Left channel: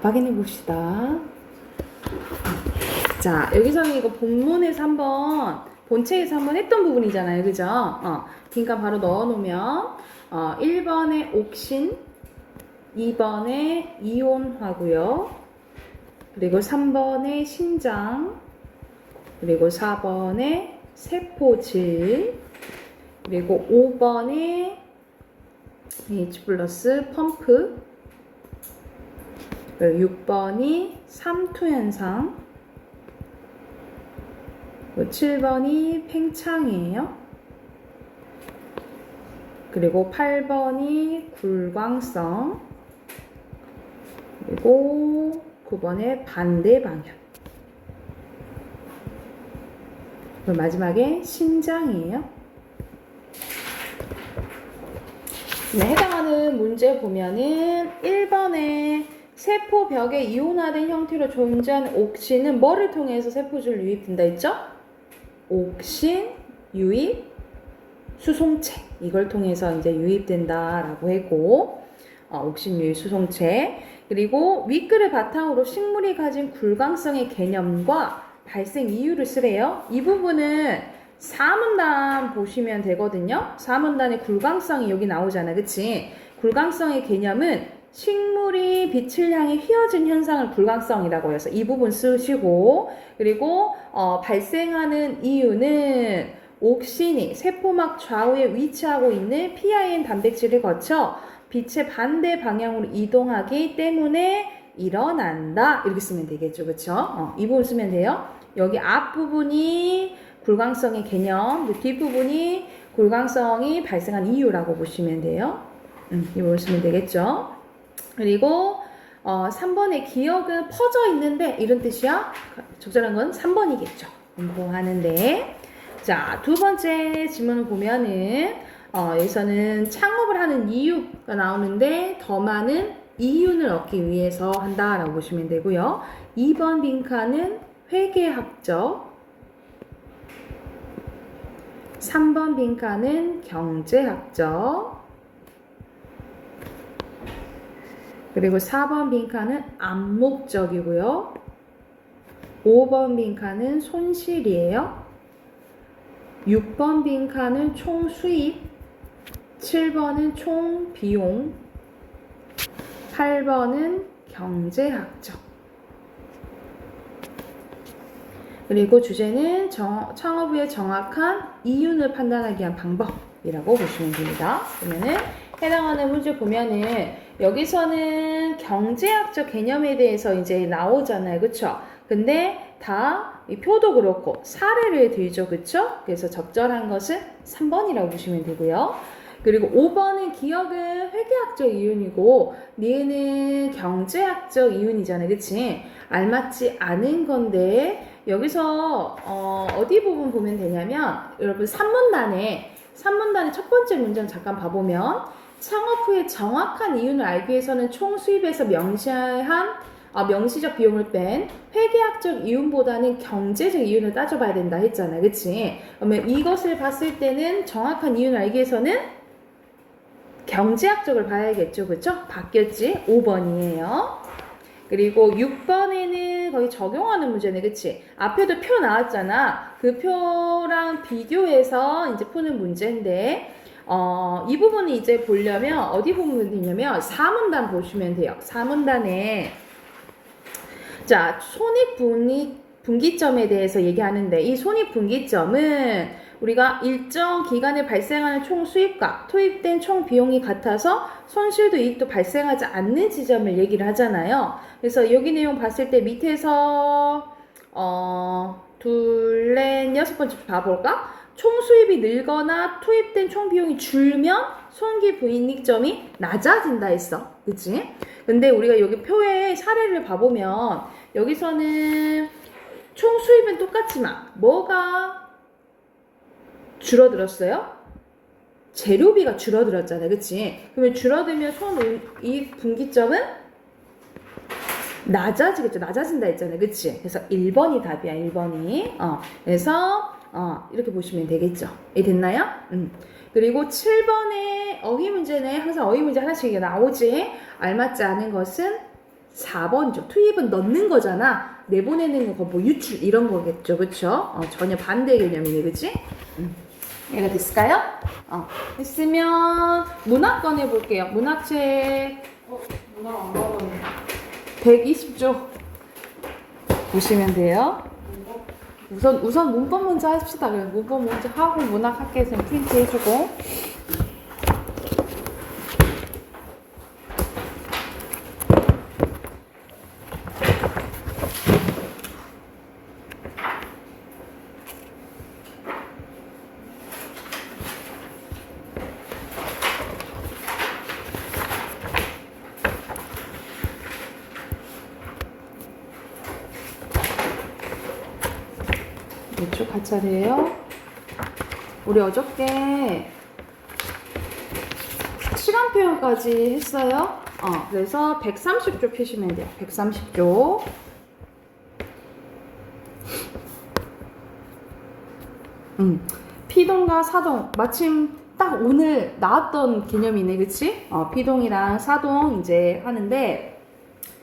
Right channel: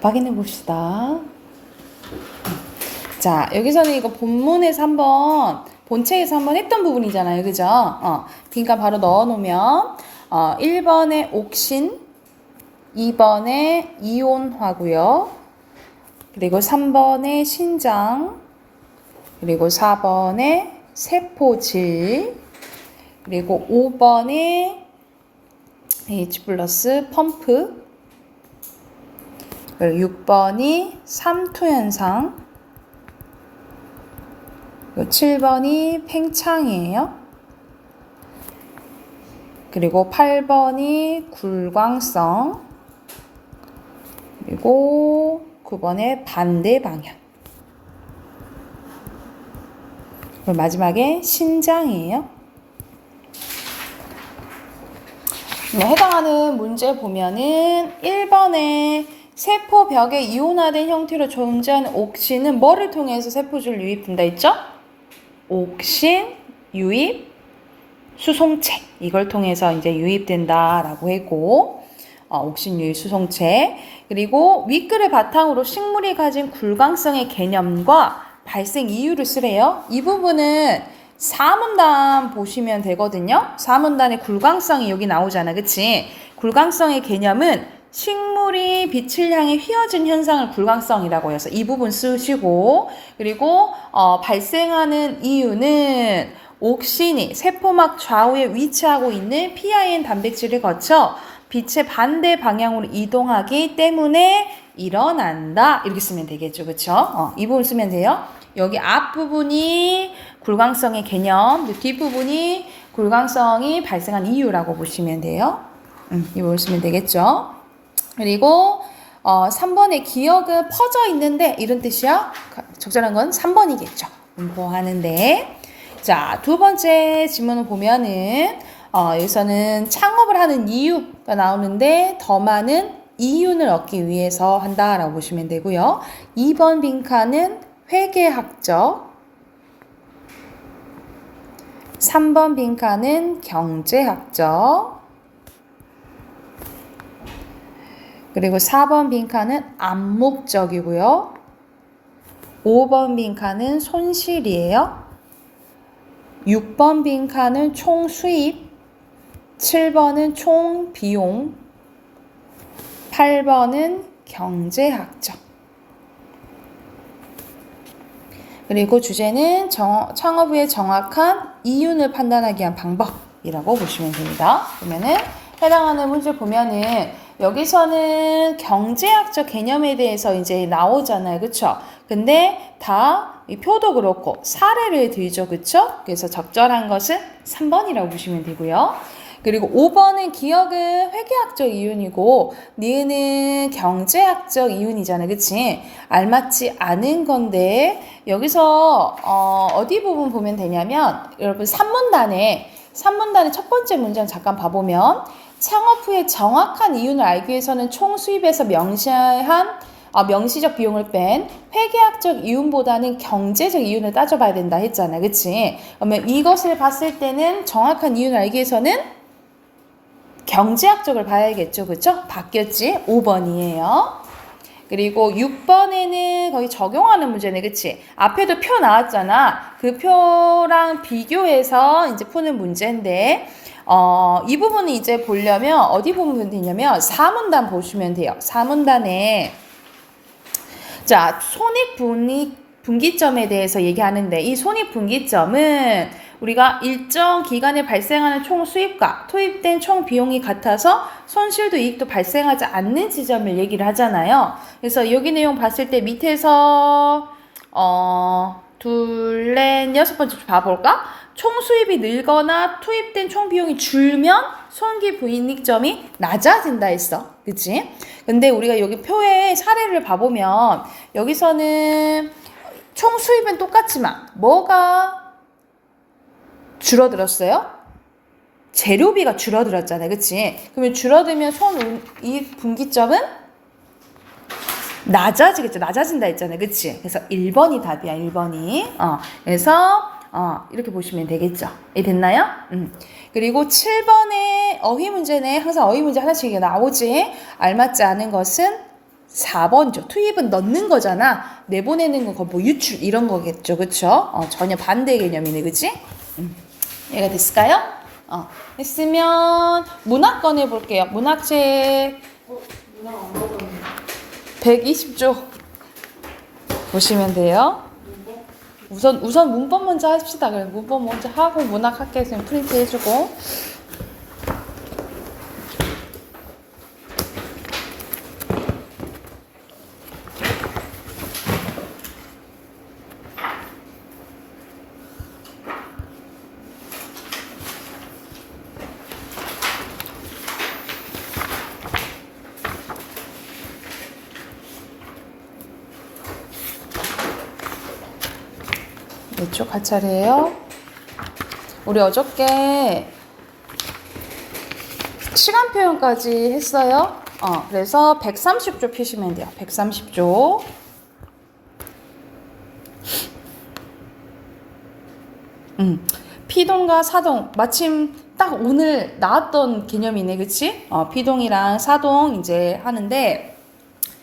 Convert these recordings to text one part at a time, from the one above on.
확인해 봅시다. 자, 여기서는 이거 본문에서 한번, 본체에서 한번 했던 부분이잖아요. 그죠? 그러니까 바로 넣어 놓으면, 1번에 옥신, 2번에 이온화고요. 그리고 3번에 신장, 그리고 4번에 세포질, 그리고 5번에 H 플러스 펌프, 그리고 6번이 삼투현상, 그리고 7번이 팽창이에요. 그리고 8번이 굴광성, 그리고 9번에 반대 방향. 그리고 마지막에 신장이에요. 해당하는 문제 보면은 1번에 세포벽에 이온화된 형태로 존재하는 옥신은 뭐를 통해서 세포질 유입된다 했죠? 옥신 유입 수송체, 이걸 통해서 이제 유입된다라고 했고, 옥신 유입 수송체. 그리고 윗글을 바탕으로 식물이 가진 굴광성의 개념과 발생 이유를 쓰래요. 이 부분은 4문단 보시면 되거든요. 4문단의 굴광성이 여기 나오잖아. 그치? 굴광성의 개념은 식물이 빛을 향해 휘어진 현상을 굴광성이라고 해서 이 부분 쓰시고, 그리고 발생하는 이유는 옥신이 세포막 좌우에 위치하고 있는 PIN 단백질을 거쳐 빛의 반대 방향으로 이동하기 때문에 일어난다. 이렇게 쓰면 되겠죠. 그쵸? 이 부분 쓰면 돼요. 여기 앞부분이 굴광성의 개념, 뒷부분이 굴광성이 발생한 이유라고 보시면 돼요. 이 부분 쓰면 되겠죠. 그리고 3번의 기억은 퍼져 있는데 이런 뜻이야. 적절한 건 3번이겠죠. 공부하는데. 자, 두 번째 질문을 보면은 여기서는 창업을 하는 이유가 나오는데 더 많은 이윤을 얻기 위해서 한다라고 보시면 되고요. 2번 빈칸은 회계학적, 3번 빈칸은 경제학적, 그리고 4번 빈칸은 암묵적이고요. 5번 빈칸은 손실이에요. 6번 빈칸은 총 수입, 7번은 총 비용, 8번은 경제학적. 그리고 주제는 창업 후의 정확한 이윤을 판단하기 위한 방법이라고 보시면 됩니다. 그러면은 해당하는 문제 보면은 여기서는 경제학적 개념에 대해서 이제 나오잖아요. 그쵸? 근데 다 이 표도 그렇고 사례를 들죠. 그쵸? 그래서 적절한 것은 3번이라고 보시면 되고요. 그리고 5번은 기억은 회계학적 이윤이고 니은은 경제학적 이윤이잖아요. 그치? 알맞지 않은 건데 여기서 어디 부분 보면 되냐면 여러분 3문단의 첫 번째 문장 잠깐 봐보면 창업 후에 정확한 이윤을 알기 위해서는 총 수입에서 명시적 비용을 뺀 회계학적 이윤보다는 경제적 이윤을 따져봐야 된다 했잖아. 그치? 그러면 이것을 봤을 때는 정확한 이윤을 알기 위해서는 경제학적을 봐야겠죠. 그쵸? 바뀌었지? 5번이에요. 그리고 6번에는 거의 적용하는 문제네. 그치? 앞에도 표 나왔잖아. 그 표랑 비교해서 이제 푸는 문제인데 이 부분은 이제 보려면 어디 보면 되냐면 4문단 보시면 돼요. 4문단에 자, 손익분기점에 대해서 얘기하는데 이 손익분기점은 우리가 일정 기간에 발생하는 총 수입과 투입된 총 비용이 같아서 손실도 이익도 발생하지 않는 지점을 얘기를 하잖아요. 그래서 여기 내용 봤을 때 밑에서 둘, 넷, 여섯 번째 봐볼까? 총 수입이 늘거나 투입된 총 비용이 줄면 손익분기점이 낮아진다 했어. 그치? 근데 우리가 여기 표에 사례를 봐보면 여기서는 총 수입은 똑같지만 뭐가 줄어들었어요? 재료비가 줄어들었잖아요. 그치? 그러면 줄어들면 손익분기점은 낮아지겠죠. 낮아진다 했잖아요. 그치? 그래서 1번이 답이야. 1번이. 그래서 이렇게 보시면 되겠죠. 됐나요? 그리고 7번에 어휘 문제네. 항상 어휘 문제 하나씩 나오지. 알맞지 않은 것은 4번이죠. 투입은 넣는 거잖아. 내보내는 건 뭐 유출 이런 거겠죠. 그쵸? 전혀 반대 개념이네. 그치? 얘가 됐을까요? 됐으면 문학 꺼내볼게요. 문학책 문화 안 받았는데. 120조 보시면 돼요. 우선 문법 먼저 합시다. 그래 문법 먼저 하고 문학 학교에서 프린트 해주고. 이쪽 가차례예요. 우리 어저께 시간 표현까지 했어요. 그래서 130조 펴시면 돼요. 130조. 피동과 사동 마침 딱 오늘 나왔던 개념이네, 그치? 피동이랑 사동 이제 하는데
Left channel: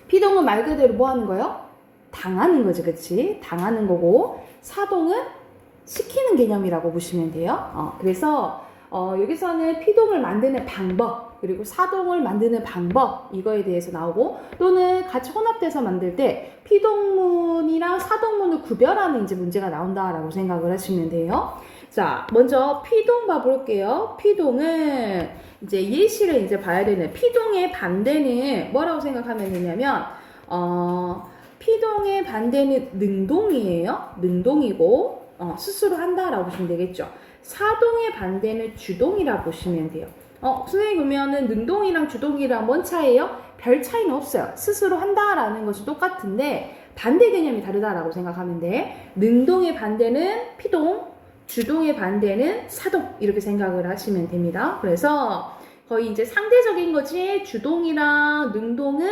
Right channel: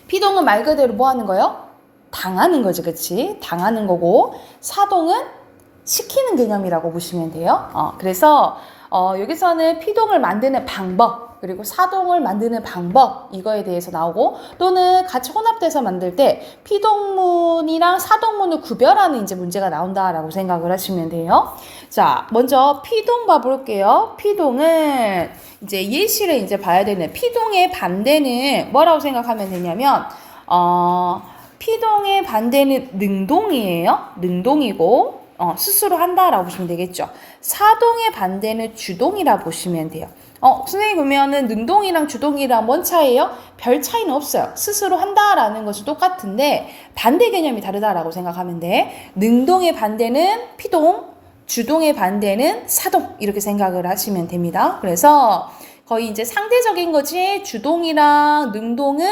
피동은 말 그대로 뭐 하는 거예요? 당하는 거지, 그치? 당하는 거고 사동은 시키는 개념이라고 보시면 돼요. 그래서 여기서는 피동을 만드는 방법 그리고 사동을 만드는 방법 이거에 대해서 나오고 또는 같이 혼합돼서 만들 때 피동문이랑 사동문을 구별하는 이제 문제가 나온다라고 생각을 하시면 돼요. 자, 먼저 피동 봐볼게요. 피동은 이제 예시를 이제 봐야 되는 피동의 반대는 뭐라고 생각하면 되냐면 피동의 반대는 능동이에요. 능동이고 스스로 한다라고 보시면 되겠죠. 사동의 반대는 주동이라 보시면 돼요. 선생님 그러면은 능동이랑 주동이랑 뭔 차이예요? 별 차이는 없어요. 스스로 한다라는 것이 똑같은데 반대 개념이 다르다라고 생각하면 돼. 능동의 반대는 피동, 주동의 반대는 사동 이렇게 생각을 하시면 됩니다. 그래서 거의 이제 상대적인 거지 주동이랑 능동은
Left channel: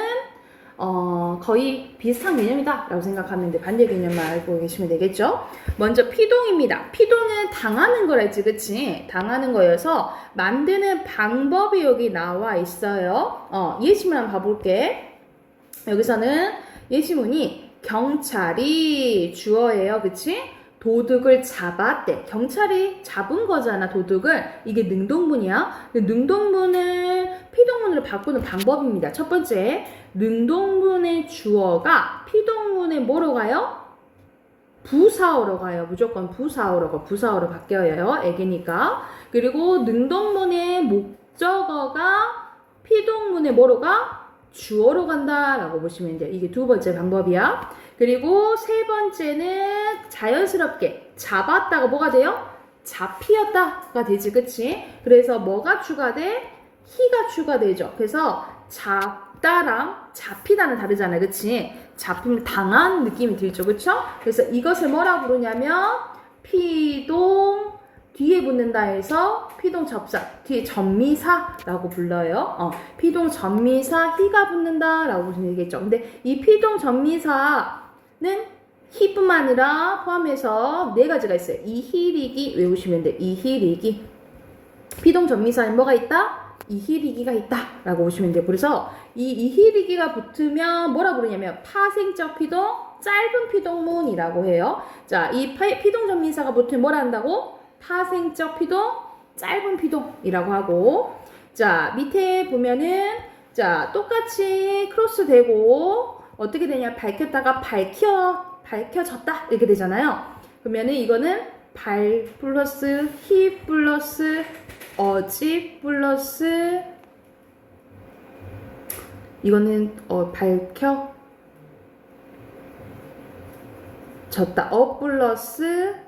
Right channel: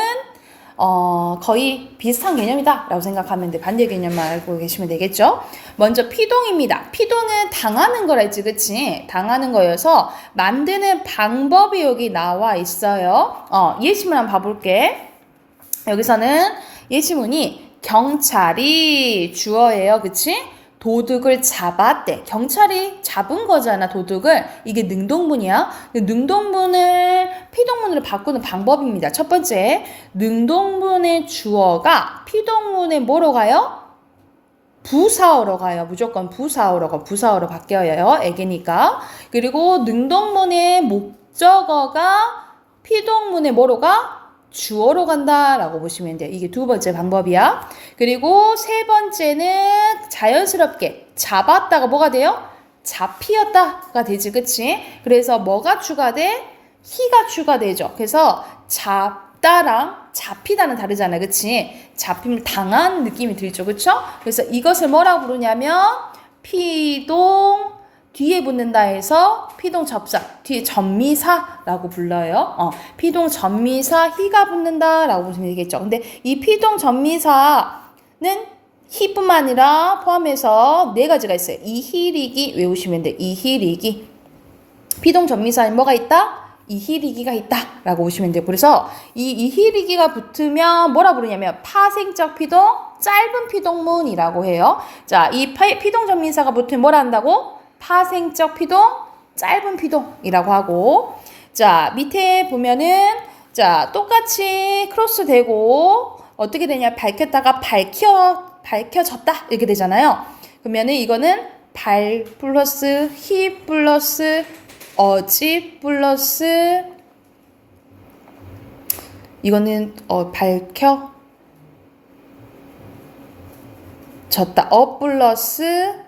거의 비슷한 개념이다 라고 생각하면 돼. 반대 개념만 알고 계시면 되겠죠. 먼저 피동입니다. 피동은 당하는 거랬지, 그치? 당하는 거여서 만드는 방법이 여기 나와 있어요. 예시문 한번 봐볼게. 여기서는 예시문이 경찰이 주어예요, 그치? 도둑을 잡았대. 경찰이 잡은 거잖아, 도둑을. 이게 능동문이야. 능동문을 피동문으로 바꾸는 방법입니다. 첫 번째, 능동문의 주어가 피동문에 뭐로 가요? 부사어로 가요. 무조건 부사어로 바뀌어요. 애기니까. 그리고 능동문의 목적어가 피동문에 뭐로 가? 주어로 간다라고 보시면 돼요. 이게 두 번째 방법이야. 그리고 세 번째는 자연스럽게 잡았다가 뭐가 돼요? 잡히었다가 되지, 그치? 그래서 뭐가 추가돼? 히가 추가되죠. 그래서 잡다랑 잡히다는 다르잖아요, 그치? 잡힘 당한 느낌이 들죠, 그쵸? 그래서 이것을 뭐라 부르냐면 피동 뒤에 붙는다 해서 피동 접사, 뒤에 전미사라고 불러요. 피동 전미사 히가 붙는다라고 보시면 되겠죠. 근데 이 피동 전미사는 히뿐만 아니라 포함해서 네 가지가 있어요. 이히리기 외우시면 돼요. 이히리기. 피동 전미사에 뭐가 있다? 이히리기가 있다라고 보시면 돼요. 그래서 이 이히리기가 붙으면 뭐라 부르냐면 파생적 피동, 짧은 피동문이라고 해요. 자, 이 피동 전미사가 붙으면 뭐라 한다고? 파생적 피동, 짧은 피동이라고 하고, 자 밑에 보면은 자 똑같이 크로스 되고 어떻게 되냐, 밝혔다가 밝혀졌다 이렇게 되잖아요. 그러면은 이거는 발 플러스 히 플러스 어지 플러스 이거는 밝혀졌다 플러스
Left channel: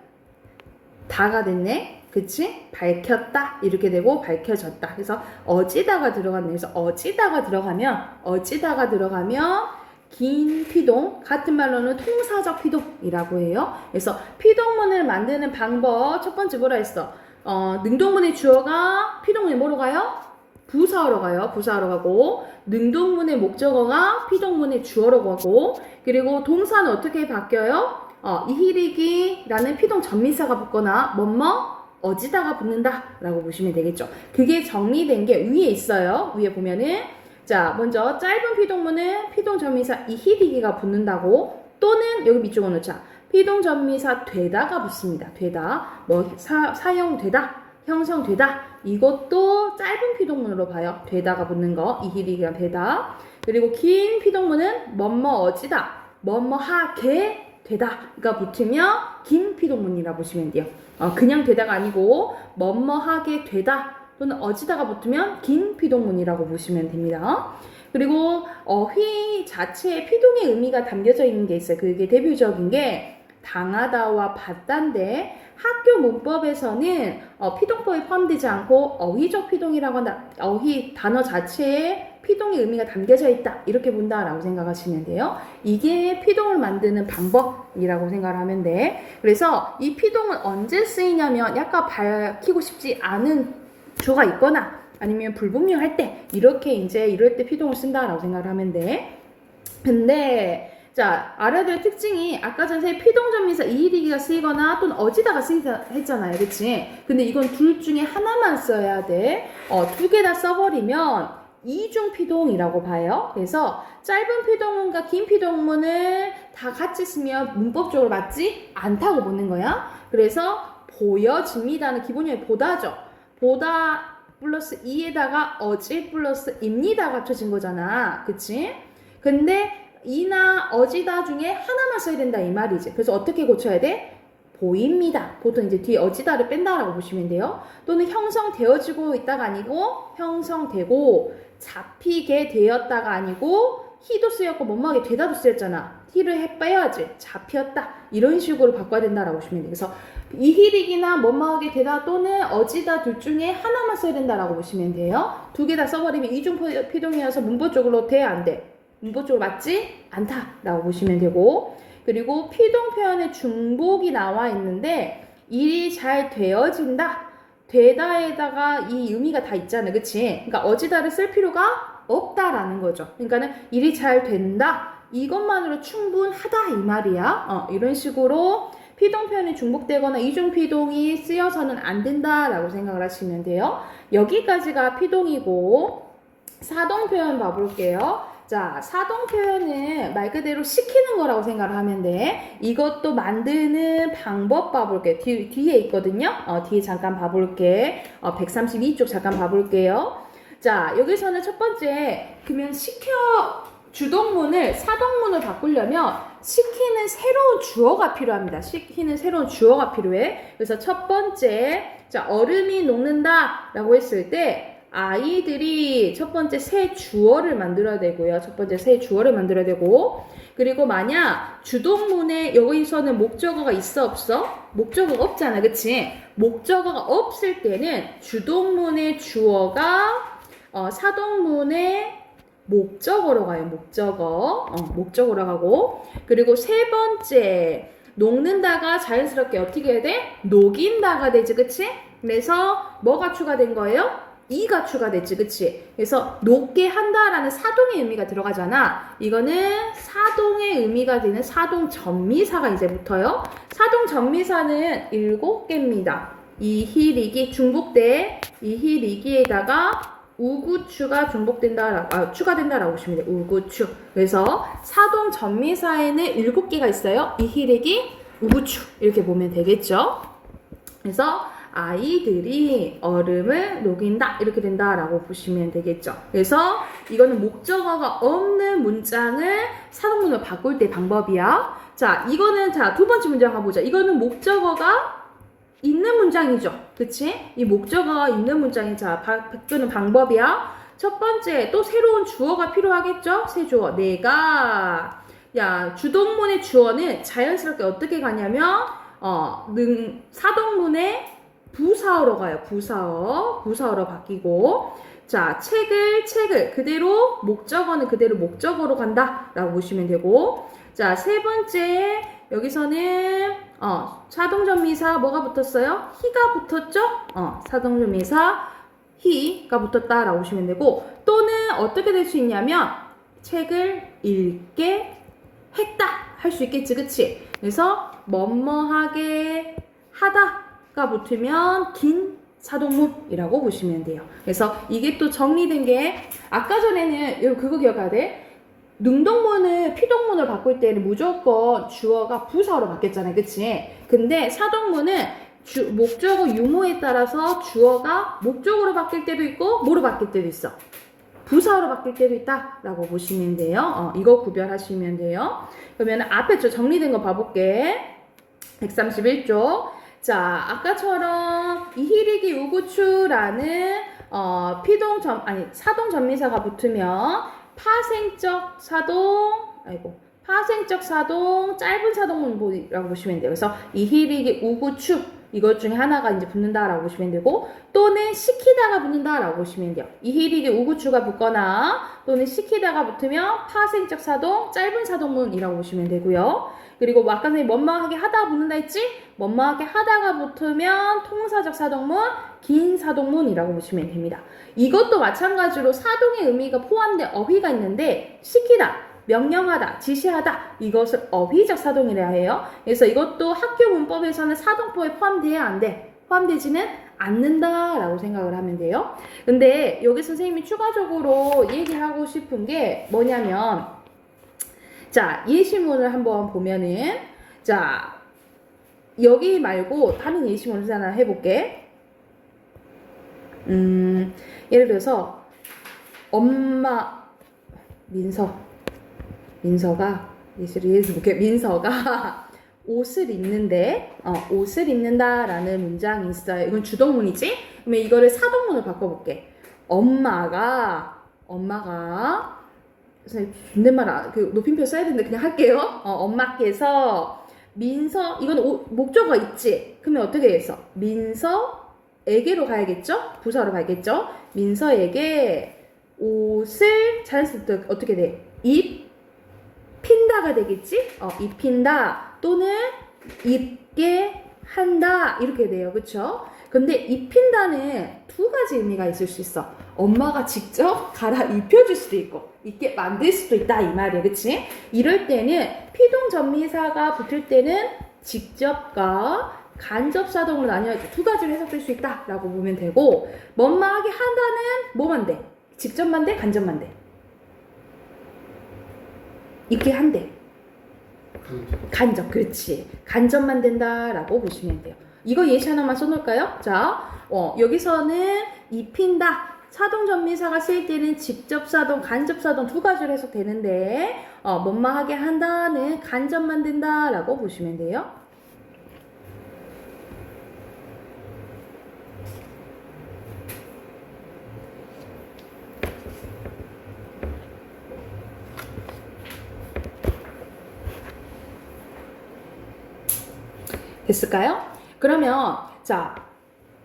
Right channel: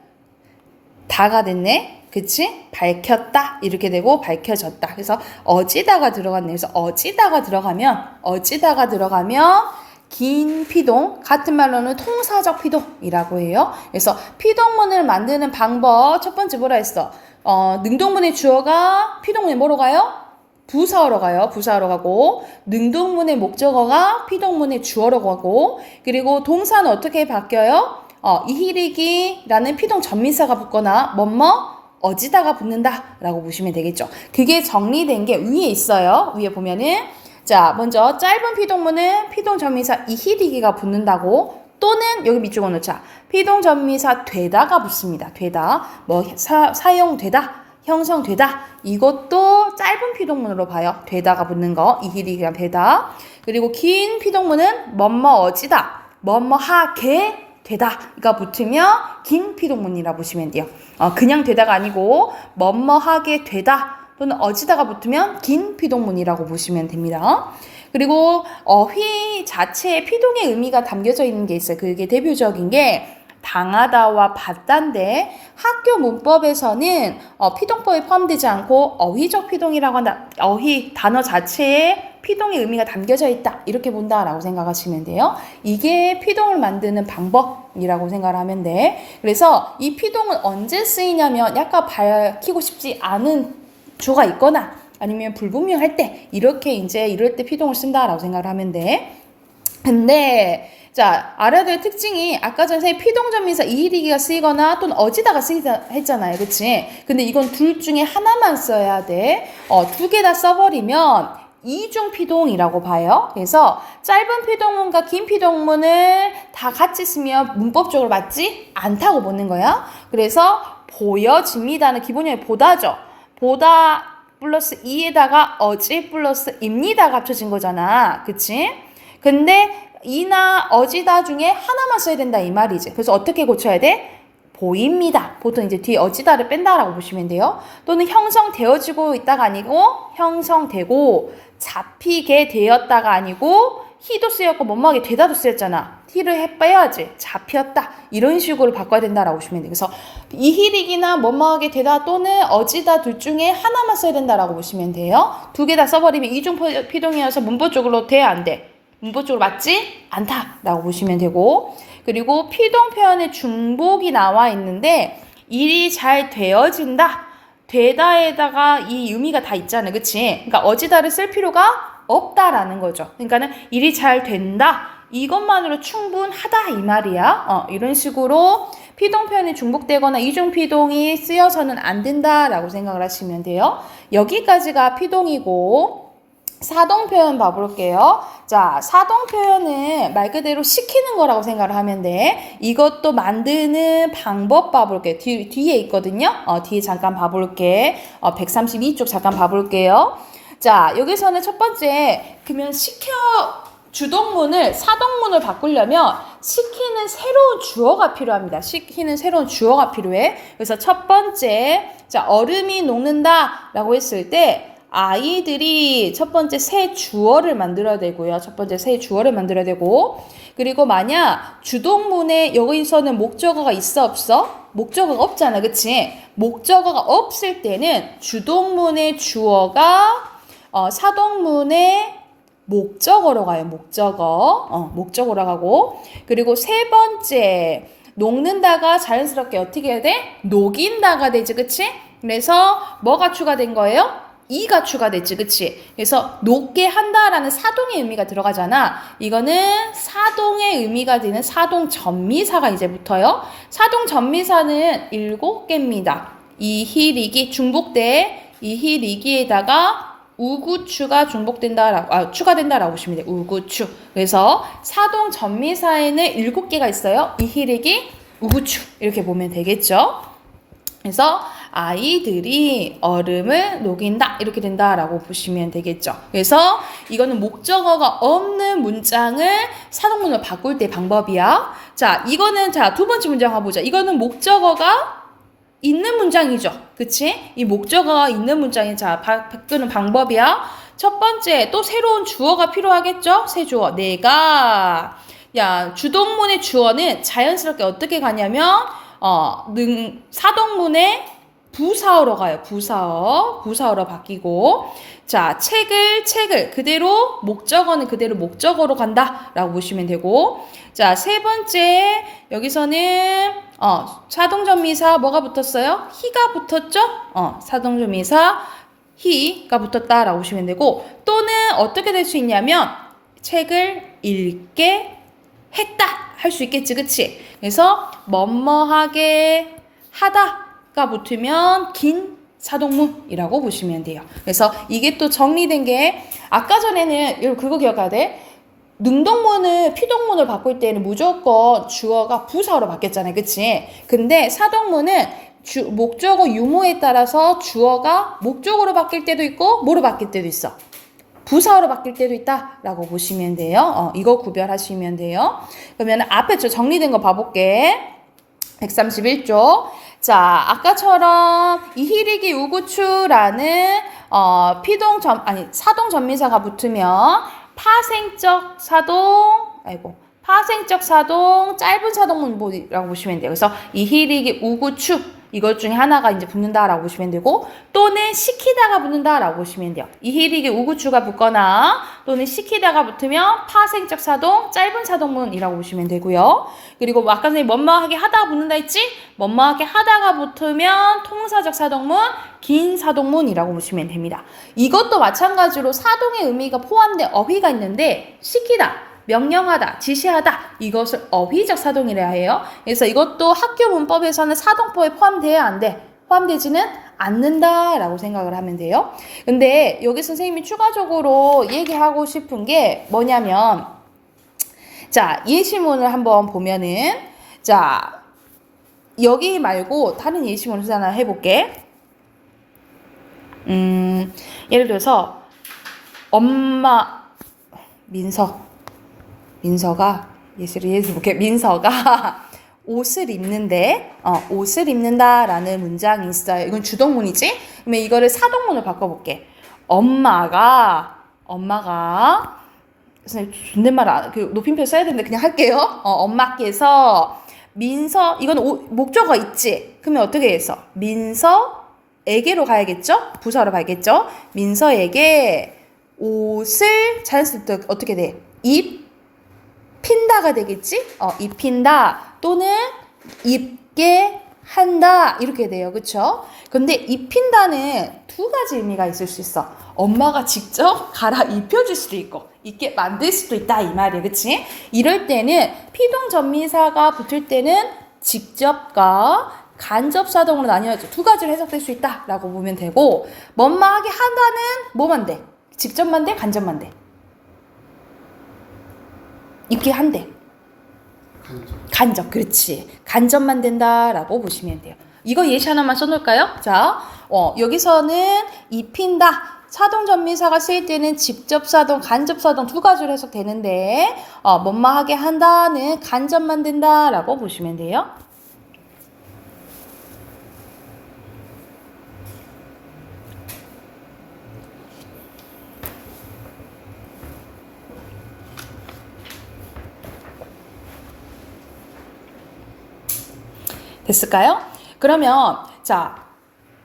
다가 됐네. 그치? 밝혔다 이렇게 되고 밝혀졌다. 그래서 어지다가 들어갔네. 그래서 어지다가 들어가면 긴 피동, 같은 말로는 통사적 피동이라고 해요. 그래서 피동문을 만드는 방법 첫 번째 뭐라 했어? 능동문의 주어가 피동문에 뭐로 가요? 부사어로 가요. 부사어로 가고 능동문의 목적어가 피동문의 주어로 가고 그리고 동사는 어떻게 바뀌어요? 이히리기라는 피동 전미사가 붙거나 어지다가 붙는다 라고 보시면 되겠죠. 그게 정리된 게 위에 있어요. 위에 보면은 자, 먼저 짧은 피동문은 피동전미사 이히리기가 붙는다고 또는 여기 밑줄 그어놓자. 피동전미사 되다가 붙습니다. 되다. 뭐 사용되다, 형성되다. 이것도 짧은 피동문으로 봐요. 되다가 붙는 거. 이히리기가 되다. 그리고 긴 피동문은 뭐뭐어지다. 뭐뭐하게 되다가 붙으면 긴 피동문이라 보시면 돼요. 그냥 되다가 아니고 뭐뭐하게 되다 또는 어지다가 붙으면 긴 피동문이라고 보시면 됩니다. 그리고 휘 자체에 피동의 의미가 담겨져 있는 게 있어요. 그게 대표적인 게 당하다와 받다인데 학교 문법에서는 피동법에 포함되지 않고 어휘적 피동이라고 한다. 어휘 단어 자체에 피동의 의미가 담겨져 있다. 이렇게 본다라고 생각하시면 돼요. 이게 피동을 만드는 방법이라고 생각을 하면 돼. 그래서 이 피동은 언제 쓰이냐면 약간 밝히고 싶지 않은 주가 있거나 아니면 불분명할 때 이렇게 이제 이럴 때 피동을 쓴다라고 생각을 하면 돼. 근데 자, 알아야 될 특징이 아까 전에 피동전미사 이히리기가 쓰이거나 또는 어지다가 쓰이다 했잖아요. 그치? 근데 이건 둘 중에 하나만 써야 돼. 두 개 다 써버리면 이중 피동이라고 봐요. 그래서 짧은 피동문과 긴 피동문을 다 같이 쓰면 문법적으로 맞지 않다고 보는 거야. 그래서 보여집니다는 기본형이 보다죠. 보다 플러스 이에다가 어지 플러스 입니다가 합쳐진 거잖아. 그치? 근데 이나 어지다 중에 하나만 써야 된다 이 말이지. 그래서 어떻게 고쳐야 돼? 보입니다. 보통 이제 뒤에 어지다를 뺀다라고 보시면 돼요. 또는 형성되어지고 있다가 아니고 형성되고 잡히게 되었다가 아니고 히도 쓰였고 뭐뭐하게 되다도 쓰였잖아. 히를 빼야지. 잡혔다. 이런 식으로 바꿔야 된다라고 보시면 돼요. 그래서 이히릭이나 뭐뭐하게 되다 또는 어지다 둘 중에 하나만 써야 된다라고 보시면 돼요. 두 개 다 써버리면 이중 피동이어서 문법적으로 돼 안 돼? 문법적으로 맞지 않다라고 보시면 되고 그리고 피동 표현에 중복이 나와 있는데 일이 잘 되어진다 되다에다가 이 의미가 다 있잖아 그치? 그러니까 어지다를 쓸 필요가 없다라는 거죠. 그러니까는 일이 잘 된다 이것만으로 충분하다 이 말이야. 이런 식으로 피동 표현이 중복되거나 이중 피동이 쓰여서는 안 된다라고 생각을 하시면 돼요. 여기까지가 피동이고 사동 표현 봐볼게요. 자, 사동 표현은 말 그대로 시키는 거라고 생각을 하면 돼. 이것도 만드는 방법 봐볼게. 뒤에 있거든요. 뒤에 잠깐 봐볼게. 132쪽 잠깐 봐볼게요. 자, 여기서는 첫 번째, 그러면 주동문을 사동문을 바꾸려면 시키는 새로운 주어가 필요합니다. 시키는 새로운 주어가 필요해. 그래서 첫 번째, 자, 얼음이 녹는다 라고 했을 때 아이들이 첫 번째 새 주어를 만들어야 되고요. 첫 번째 새 주어를 만들어야 되고 그리고 만약 주동문에 여기서는 목적어가 있어 없어? 목적어가 없잖아. 그치? 목적어가 없을 때는 주동문의 주어가 사동문의 목적어로 가요. 목적어로 가고 그리고 세 번째 녹는다가 자연스럽게 어떻게 해야 돼? 녹인다가 되지. 그치? 그래서 뭐가 추가된 거예요? 이가 추가됐지, 그치? 그래서 녹게 한다라는 사동의 의미가 들어가잖아. 이거는 사동의 의미가 되는 사동 전미사가 이제 붙어요. 사동 전미사는 7개입니다. 이히리기 중복돼. 이히리기에다가 우구추가 추가된다라고 보시면 돼요. 우구추. 그래서 사동 전미사에는 7개가 있어요. 이히리기, 우구추 이렇게 보면 되겠죠. 그래서 아이들이 얼음을 녹인다 이렇게 된다라고 보시면 되겠죠. 그래서 이거는 목적어가 없는 문장을 사동문으로 바꿀 때 방법이야. 자, 이거는 두 번째 문장 가보자. 이거는 목적어가 있는 문장이죠. 그치? 이 목적어가 있는 문장이 바꾸는 방법이야. 첫 번째 또 새로운 주어가 필요하겠죠? 새 주어. 내가 주동문의 주어는 자연스럽게 어떻게 가냐면 사동문의 부사어로 가요. 부사어로 바뀌고 자 책을 그대로 목적어는 그대로 목적어로 간다라고 보시면 되고 자 세 번째 여기서는 사동전미사 뭐가 붙었어요? 히가 붙었죠? 사동전미사 히가 붙었다라고 보시면 되고 또는 어떻게 될 수 있냐면 책을 읽게 했다 할 수 있겠지 그치? 그래서 뭐뭐하게 하다 가 붙으면 긴 사동문이라고 보시면 돼요. 그래서 이게 또 정리된 게 아까 전에는 그거 기억해야 돼. 능동문을 피동문을 바꿀 때는 무조건 주어가 부사로 바뀌었잖아요. 그치? 근데 사동문은 목적어 유무에 따라서 주어가 목적어로 바뀔 때도 있고 뭐로 바뀔 때도 있어. 부사어로 바뀔 때도 있다라고 보시면 돼요. 이거 구별하시면 돼요. 그러면 앞에 저 정리된 거 봐볼게. 131쪽. 자, 아까처럼 이히리기 우구추라는 사동 전미사가 붙으면 파생적 사동, 짧은 사동문이라고 보시면 돼요. 그래서 이히리기 우구추 이것 중에 하나가 이제 붙는다라고 보시면 되고 또는 시키다가 붙는다라고 보시면 돼요. 이히리기 우구추가 붙거나 또는 시키다가 붙으면 파생적 사동, 짧은 사동문이라고 보시면 되고요. 그리고 아까 선생님 뭐뭐하게 하다가 붙는다 했지? 뭐뭐하게 하다가 붙으면 통사적 사동문, 긴 사동문이라고 보시면 됩니다. 이것도 마찬가지로 사동의 의미가 포함된 어휘가 있는데 시키다, 명령하다, 지시하다 이것을 어휘적 사동이라 해요. 그래서 이것도 학교 문법에서는 사동법에 포함돼야 안 돼. 포함되지는 않는다라고 생각을 하면 돼요. 근데 여기 선생님이 추가적으로 얘기하고 싶은 게 뭐냐면 자, 예시문을 한번 보면은 자, 여기 말고 다른 예시문을 하나 해볼게. 예를 들어서 엄마 민서가 예를 볼게. 민서가 옷을 입는데 옷을 입는다라는 문장이 있어요. 이건 주동문이지? 그러면 이거를 사동문을 바꿔볼게. 엄마가 존댓말 그 높임표 써야 되는데 그냥 할게요. 엄마께서 민서 이건 목적어 있지? 그러면 어떻게 해서 민서에게로 가야겠죠? 부사로 가야겠죠? 민서에게 옷을 자연스럽게 어떻게 돼? 입힌다가 되겠지? 입힌다 또는 입게 한다 이렇게 돼요. 그쵸? 근데 입힌다는 두 가지 의미가 있을 수 있어. 엄마가 직접 갈아 입혀줄 수도 있고 입게 만들 수도 있다 이 말이에요. 그치? 이럴 때는 피동전미사가 붙을 때는 직접과 간접사동으로 나뉘어져 두 가지로 해석될 수 있다라고 보면 되고 뭐뭐하게 하다는 뭐만 돼? 직접만 돼? 간접만 돼? 입게 한대. 간접, 그렇지. 간접만 된다라고 보시면 돼요. 이거 예시 하나만 써놓을까요? 자, 여기서는 입힌다. 사동전미사가 쓰일 때는 직접사동, 간접사동 두 가지로 해석되는데 뭐뭐하게 한다는 간접만 된다라고 보시면 돼요. 됐을까요? 그러면 자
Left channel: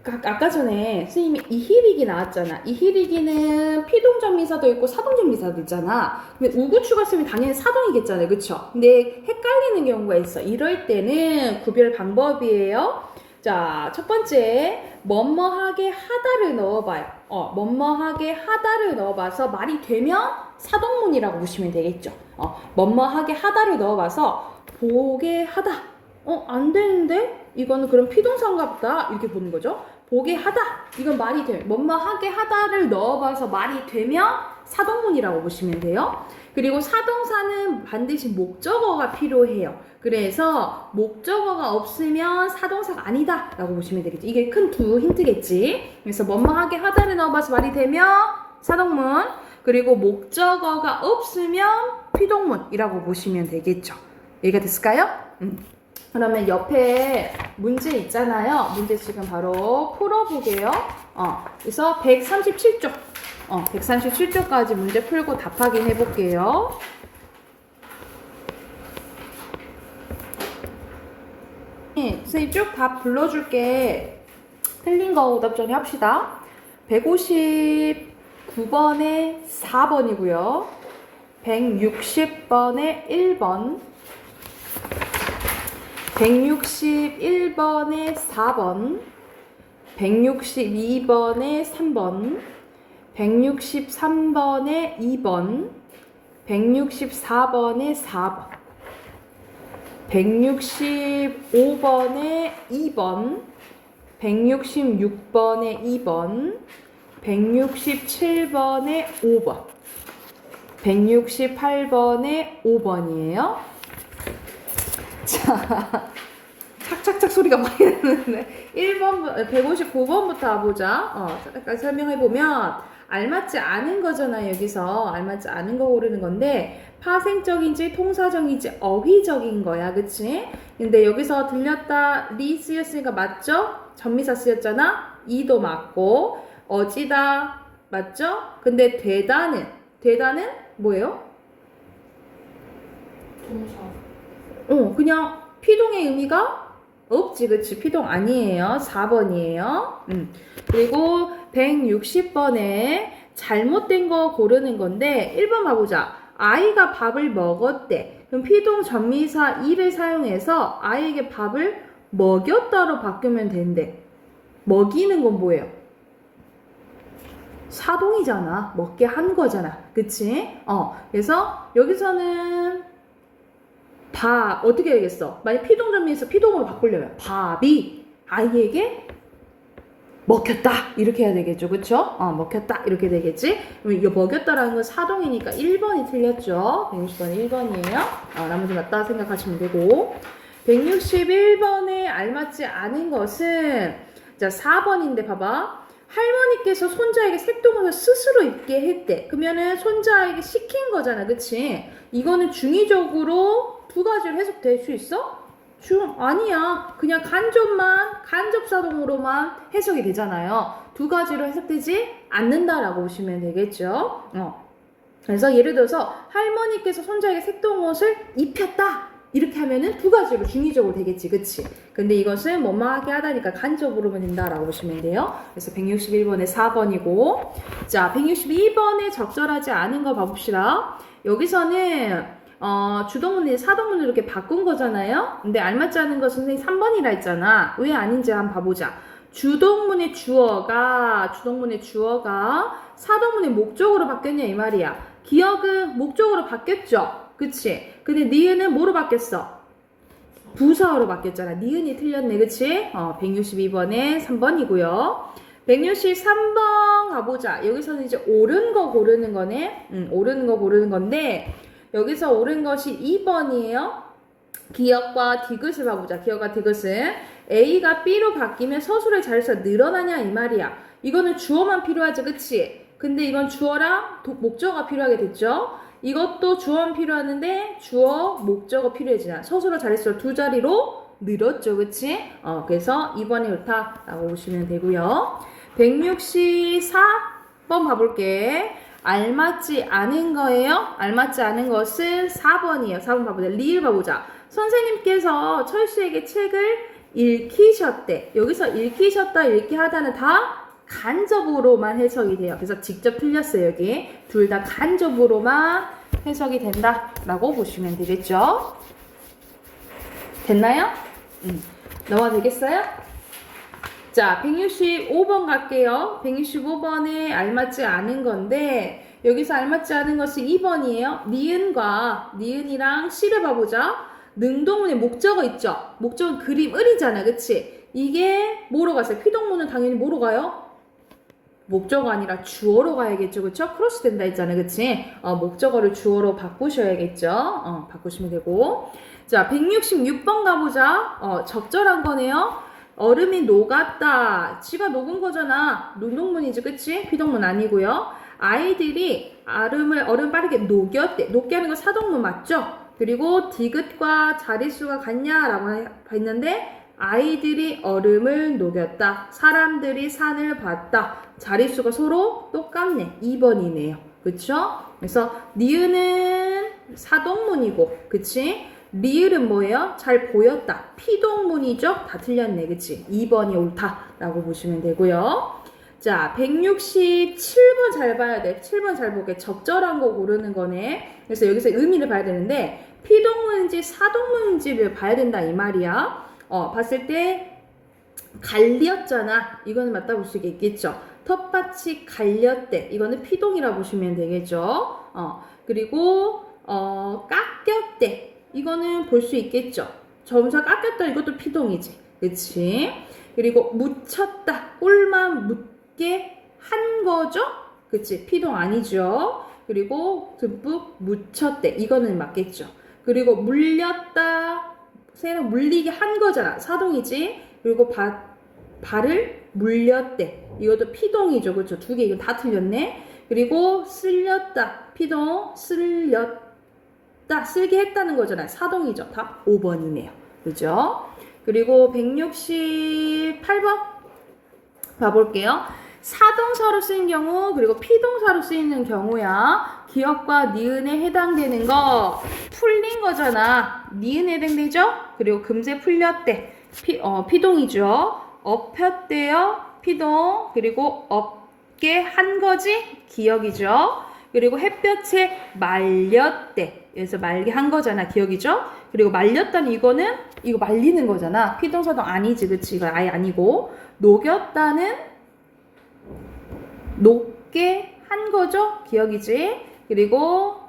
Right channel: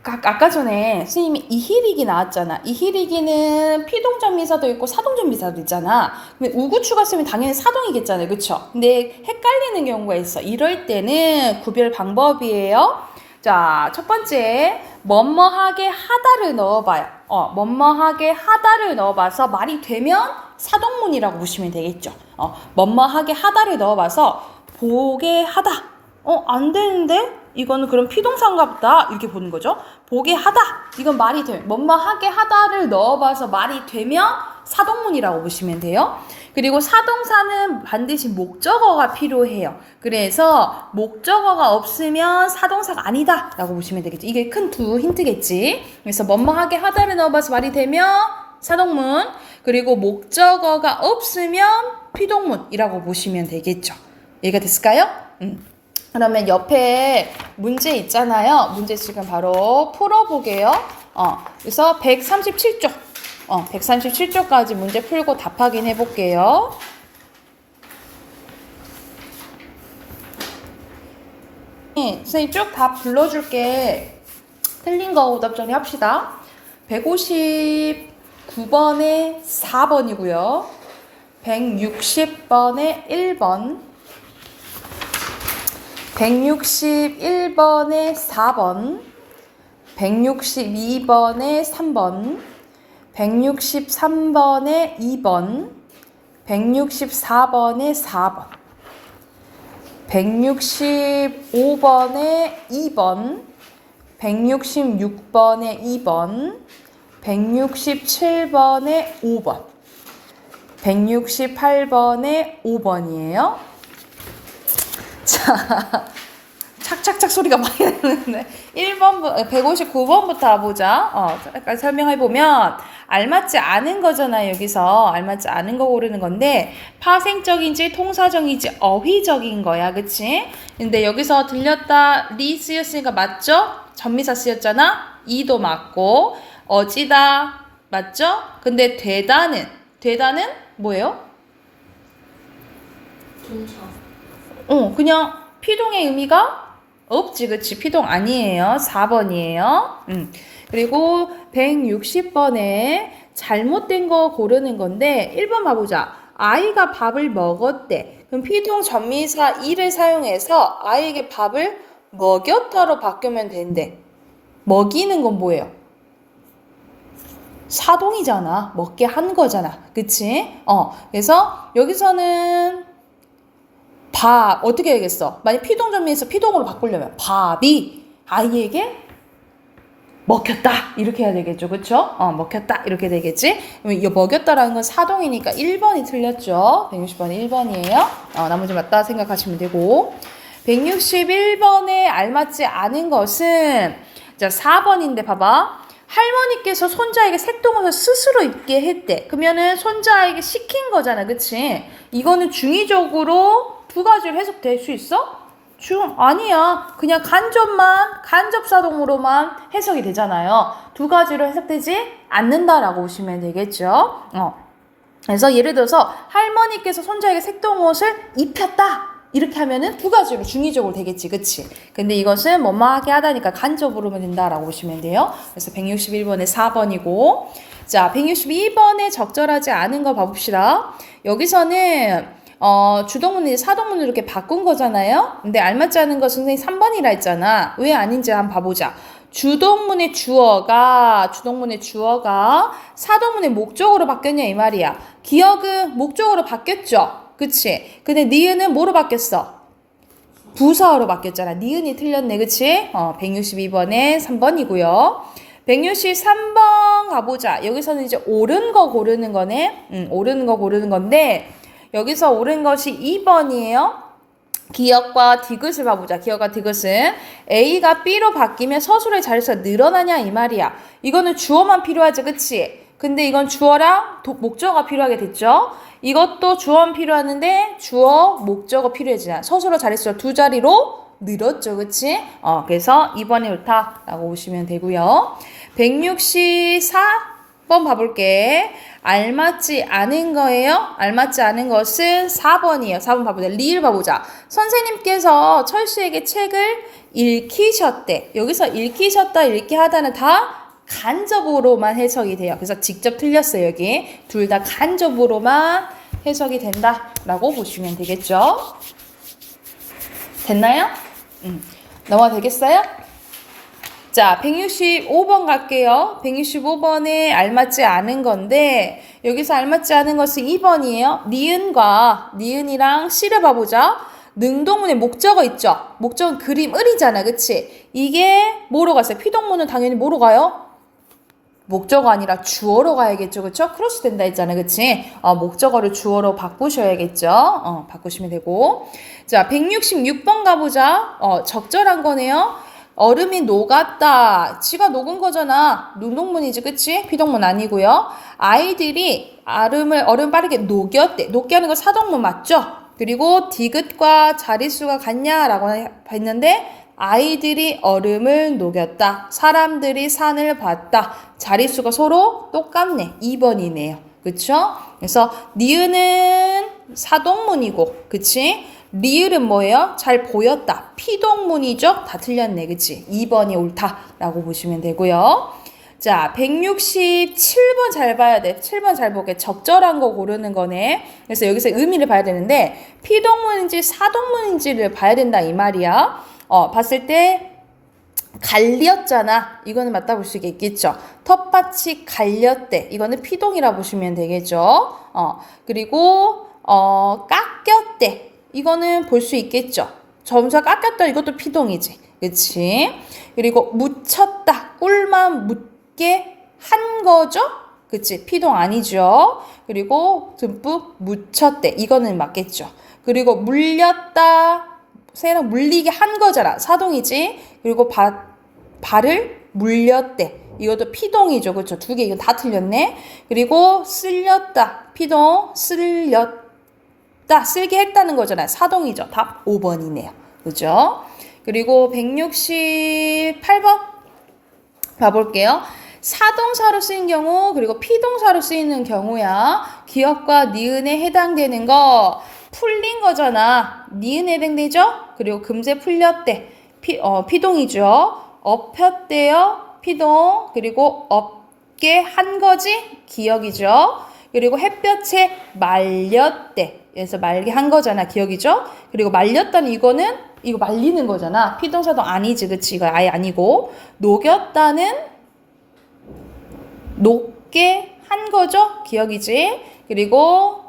아까 전에 선생님이 이히리기 나왔잖아. 이히리기는 피동전미사도 있고 사동전미사도 있잖아. 근데 우구추가 쓰면 당연히 사동이겠잖아요. 그쵸? 근데 헷갈리는 경우가 있어. 이럴 때는 구별 방법이에요. 자, 첫 번째 뭐뭐하게 하다를 넣어봐요. 뭐뭐하게 하다를 넣어봐서 말이 되면 사동문이라고 보시면 되겠죠. 뭐뭐하게 하다를 넣어봐서 보게 하다. 안 되는데? 이거는 그럼 피동사인가 보다. 이렇게 보는 거죠. 보게 하다. 이건 말이 되면 뭐뭐하게 하다를 넣어봐서 말이 되면 사동문이라고 보시면 돼요. 그리고 사동사는 반드시 목적어가 필요해요. 그래서 목적어가 없으면 사동사가 아니다 라고 보시면 되겠죠. 이게 큰 두 힌트겠지. 그래서 뭐뭐하게 하다를 넣어봐서 말이 되면 사동문, 그리고 목적어가 없으면 피동문이라고 보시면 되겠죠. 이해가 됐을까요? 그러면 옆에 문제 있잖아요. 문제 지금 바로 풀어보게요. 그래서 137쪽. 137쪽까지 문제 풀고 답 확인해 볼게요. 선생님 쭉 다 불러줄게. 틀린 거 오답 정리 합시다. 159번에 4번이고요. 160번에 1번. 161번에 4번, 162번에 3번, 163번에 2번, 164번에 4번, 165번에 2번, 166번에 2번, 167번에 5번, 168번에 5번이에요. 자, 착착착 소리가 많이 나는데 1번, 159번부터 보자. 약간 설명해보면 알맞지 않은 거잖아요. 여기서 알맞지 않은 거 고르는 건데 파생적인지 통사적인지 어휘적인 거야. 그치? 근데 여기서 들렸다 리 쓰였으니까 맞죠? 전미사 쓰였잖아. 이도 맞고 어찌다 맞죠? 근데 되다는 뭐예요? 동사. 그냥 피동의 의미가 없지. 그치? 피동 아니에요. 4번이에요. 그리고 160번에 잘못된 거 고르는 건데 1번 봐보자. 아이가 밥을 먹었대. 그럼 피동 전미사 이를 사용해서 아이에게 밥을 먹였다로 바꾸면 된대. 먹이는 건 뭐예요? 사동이잖아. 먹게 한 거잖아. 그치? 그래서 여기서는 밥 어떻게 해야겠어? 만약 피동전미에서 피동으로 바꾸려면 밥이 아이에게 먹혔다 이렇게 해야 되겠죠. 그쵸? 먹혔다 이렇게 되겠지. 그럼 이 먹였다라는 건 사동이니까 1번이 틀렸죠. 160번이 1번이에요. 나머지 맞다 생각하시면 되고 161번에 알맞지 않은 것은 자 4번인데 봐봐. 할머니께서 손자에게 색동옷을 스스로 입게 했대. 그러면은 손자에게 시킨 거잖아. 그치? 이거는 중의적으로 두 가지로 해석될 수 있어? 아니야. 그냥 간접사동으로만 해석이 되잖아요. 두 가지로 해석되지 않는다라고 보시면 되겠죠. 그래서 예를 들어서 할머니께서 손자에게 색동옷을 입혔다. 이렇게 하면은 두 가지로 중의적으로 되겠지. 그치? 근데 이것은 뭐뭐하게 하다니까 간접으로만 된다라고 보시면 돼요. 그래서 161번에 4번이고 자 162번에 적절하지 않은 거 봐봅시다. 여기서는 주동문이 사동문으로 이렇게 바꾼 거잖아요. 근데 알맞지 않은 거 선생님 3번이라 했잖아. 왜 아닌지 한번 봐보자. 주동문의 주어가 사동문의 목적으로 바뀌었냐 이 말이야. 기억은 목적으로 바뀌었죠. 그치? 근데 니은은 뭐로 바뀌었어? 부사어로 바뀌었잖아. 니은이 틀렸네. 그치? 162번에 3번이고요. 163번 가보자. 여기서는 이제 옳은 거 고르는 거네. 옳은 거 고르는 건데 여기서 옳은 것이 2번이에요. 기역과 디귿을 봐보자. 기역과 디귿은 A가 B로 바뀌면 서술의 자리수가 늘어나냐 이 말이야. 이거는 주어만 필요하지. 그치? 근데 이건 주어랑 목적어가 필요하게 됐죠. 이것도 주어만 필요하는데 주어, 목적어 필요해지냐. 서술어 자릿수가 두 자리로 늘었죠. 그치? 그래서 2번이 옳다라고 보시면 되고요. 164번 봐볼게. 알맞지 않은 거예요. 알맞지 않은 것은 4번이에요. 4번 봐보자. 리을 봐보자. 선생님께서 철수에게 책을 읽히셨대. 여기서 읽히셨다, 읽게 하다는 다 간접으로만 해석이 돼요. 그래서 직접 틀렸어요. 여기 둘 다 간접으로만 해석이 된다라고 보시면 되겠죠. 됐나요? 넘어가 되겠어요? 자, 165번 갈게요. 165번에 알맞지 않은 건데 여기서 알맞지 않은 것은 2번이에요. 니은이랑 씨를 봐보자. 능동문의 목적어 있죠? 목적은 그림, 을이잖아. 그치? 이게 뭐로 갔어요? 피동문은 당연히 뭐로 가요? 목적어 아니라 주어로 가야겠죠. 그쵸? 크로스 된다 했잖아요. 그치? 목적어를 주어로 바꾸셔야겠죠. 바꾸시면 되고. 자, 166번 가보자. 적절한 거네요. 얼음이 녹았다. 지가 녹은 거잖아. 능동문이지. 그치? 피동문 아니고요. 아이들이 얼음 빠르게 녹였대. 녹게 하는 거 사동문 맞죠? 그리고 디귿과 자릿수가 같냐라고 했는데 아이들이 얼음을 녹였다. 사람들이 산을 봤다. 자릿수가 서로 똑같네. 2번이네요. 그쵸? 그래서 니은은 사동문이고 그치? 리을은 뭐예요? 잘 보였다. 피동문이죠? 다 틀렸네. 그치? 2번이 옳다라고 보시면 되고요. 자, 167번 잘 봐야 돼. 7번 잘 보게. 적절한 거 고르는 거네. 그래서 여기서 의미를 봐야 되는데 피동문인지 사동문인지를 봐야 된다 이 말이야. 봤을 때 갈렸잖아. 이거는 맞다 볼 수 있겠죠. 텃밭이 갈렸대. 이거는 피동이라 보시면 되겠죠. 그리고 깎였대. 이거는 볼 수 있겠죠. 점사 깎였다 이것도 피동이지. 그치? 그리고 묻혔다. 꿀만 묻게 한 거죠? 그치? 피동 아니죠? 그리고 듬뿍 묻혔대. 이거는 맞겠죠? 그리고 물렸다. 새랑 물리게 한 거잖아. 사동이지? 그리고 발을 물렸대. 이것도 피동이죠. 그렇죠? 두 개 이건 다 틀렸네. 그리고 쓸렸다. 피동 쓸렸다. 쓸게 했다는 거잖아요. 사동이죠. 답 5번이네요. 그죠? 그리고 168번 봐볼게요. 사동사로 쓰인 경우 그리고 피동사로 쓰이는 경우야. 기역과 니은에 해당되는 거 풀린 거잖아. 니은에 해당되죠? 그리고 금세 풀렸대. 피동이죠. 엎혔대요. 피동. 그리고 엎게 한 거지? 기역이죠. 그리고 햇볕에 말렸대. 그래서 말게 한 거잖아. 기억이죠? 그리고 말렸다는 이거는 이거 말리는 거잖아. 피동사도 아니지. 그치? 이거 아예 아니고. 녹였다는 녹게 한 거죠. 기억이지? 그리고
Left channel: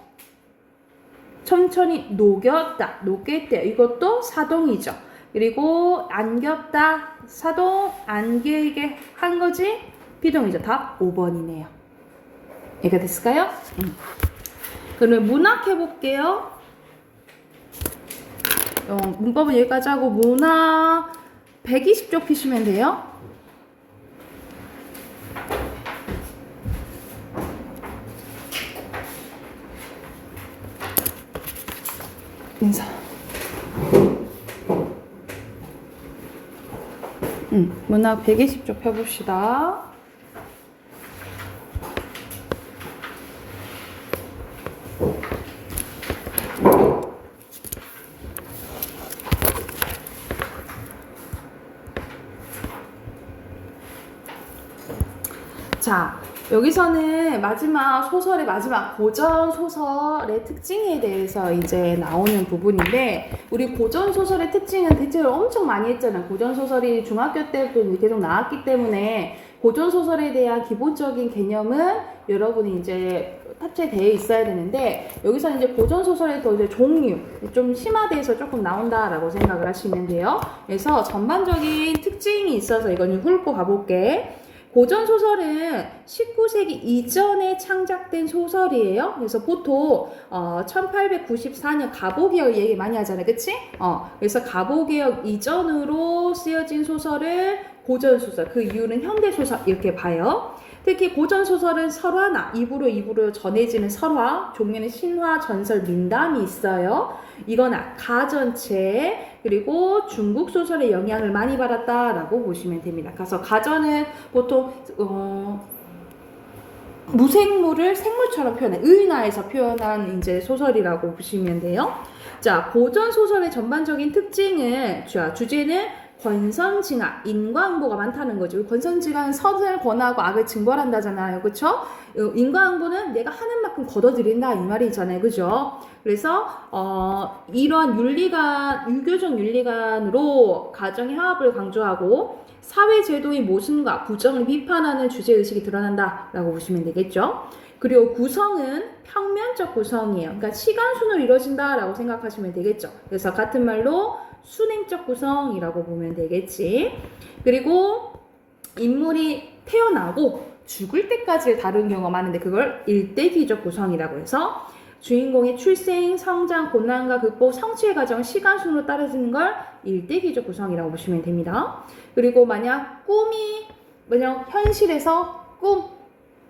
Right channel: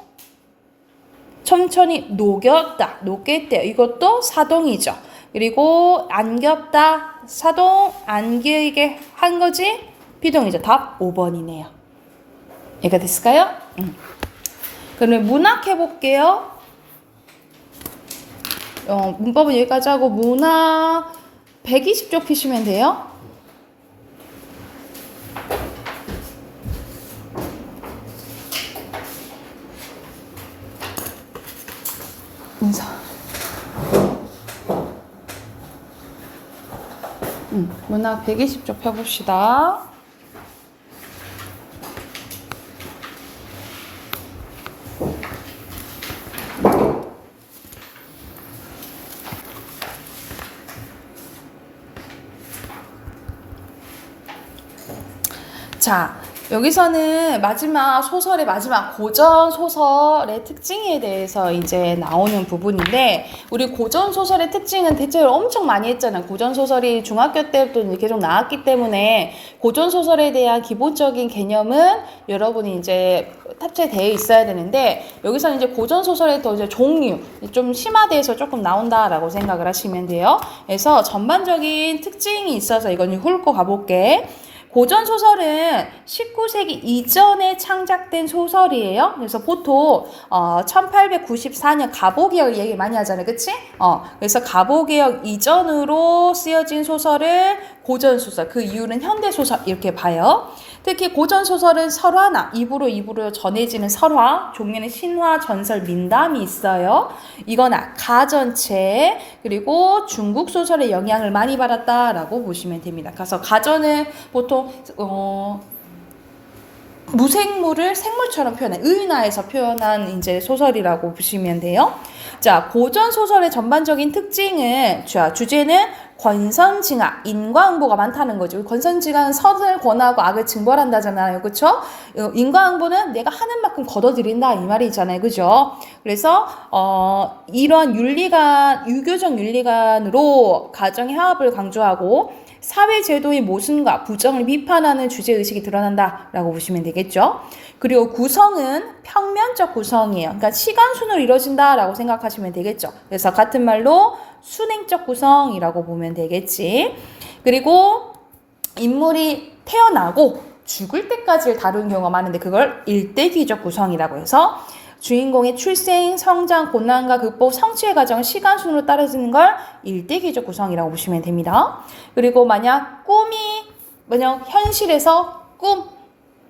천천히 녹였다. 녹겠대요. 이것도 사동이죠. 그리고 안겼다. 사동 안기게 한 거지? 피동이죠. 답 5번이네요. 이해가 됐을까요? 그러면 문학 해볼게요. 문법은 여기까지 하고 문학 120쪽 피시면 돼요. 인사. 문학 120쪽 펴봅시다. 자, 여기서는 마지막 소설의 마지막 고전 소설의 특징에 대해서 이제 나오는 부분인데, 우리 고전 소설의 특징은 대체로 엄청 많이 했잖아요. 고전 소설이 중학교 때부터 이제 계속 나왔기 때문에 고전 소설에 대한 기본적인 개념은 여러분이 이제 탑재되어 있어야 되는데, 여기서는 이제 고전 소설의 또 이제 종류 좀 심화돼서 조금 나온다라고 생각을 하시면 돼요. 그래서 전반적인 특징이 있어서 이건 훑고 가볼게. 고전 소설은 19세기 이전에 창작된 소설이에요. 그래서 보통 1894년 가보개혁 얘기 많이 하잖아요. 그치? 그래서 가보개혁 이전으로 쓰여진 소설을 고전 소설, 그 이유는 현대 소설 이렇게 봐요. 특히 고전 소설은 설화나 입으로 전해지는 설화, 종류는 신화, 전설, 민담이 있어요. 이거나 가전체, 그리고 중국 소설의 영향을 많이 받았다라고 보시면 됩니다. 그래서 가전은 보통 무생물을 생물처럼 표현해, 의인화해서 표현한 이제 소설이라고 보시면 돼요. 자, 고전 소설의 전반적인 특징은, 주제는 권선징악, 인과응보가 많다는 거죠. 권선징악은 선을 권하고 악을 징벌한다잖아요. 그쵸? 인과응보는 내가 하는 만큼 거둬들인다 이 말이잖아요. 그죠? 그래서 이런 유교적 윤리관으로 가정의 화합을 강조하고 사회제도의 모순과 부정을 비판하는 주제의식이 드러난다라고 보시면 되겠죠. 그리고 구성은 평면적 구성이에요. 그러니까 시간순으로 이루어진다라고 생각하시면 되겠죠. 그래서 같은 말로 순행적 구성이라고 보면 되겠지. 그리고 인물이 태어나고 죽을 때까지를 다루는 경우가 많은데 그걸 일대기적 구성이라고 해서 주인공의 출생, 성장, 고난과 극복, 성취의 과정을 시간순으로 따라지는 걸 일대기적 구성이라고 보시면 됩니다. 그리고 만약 현실에서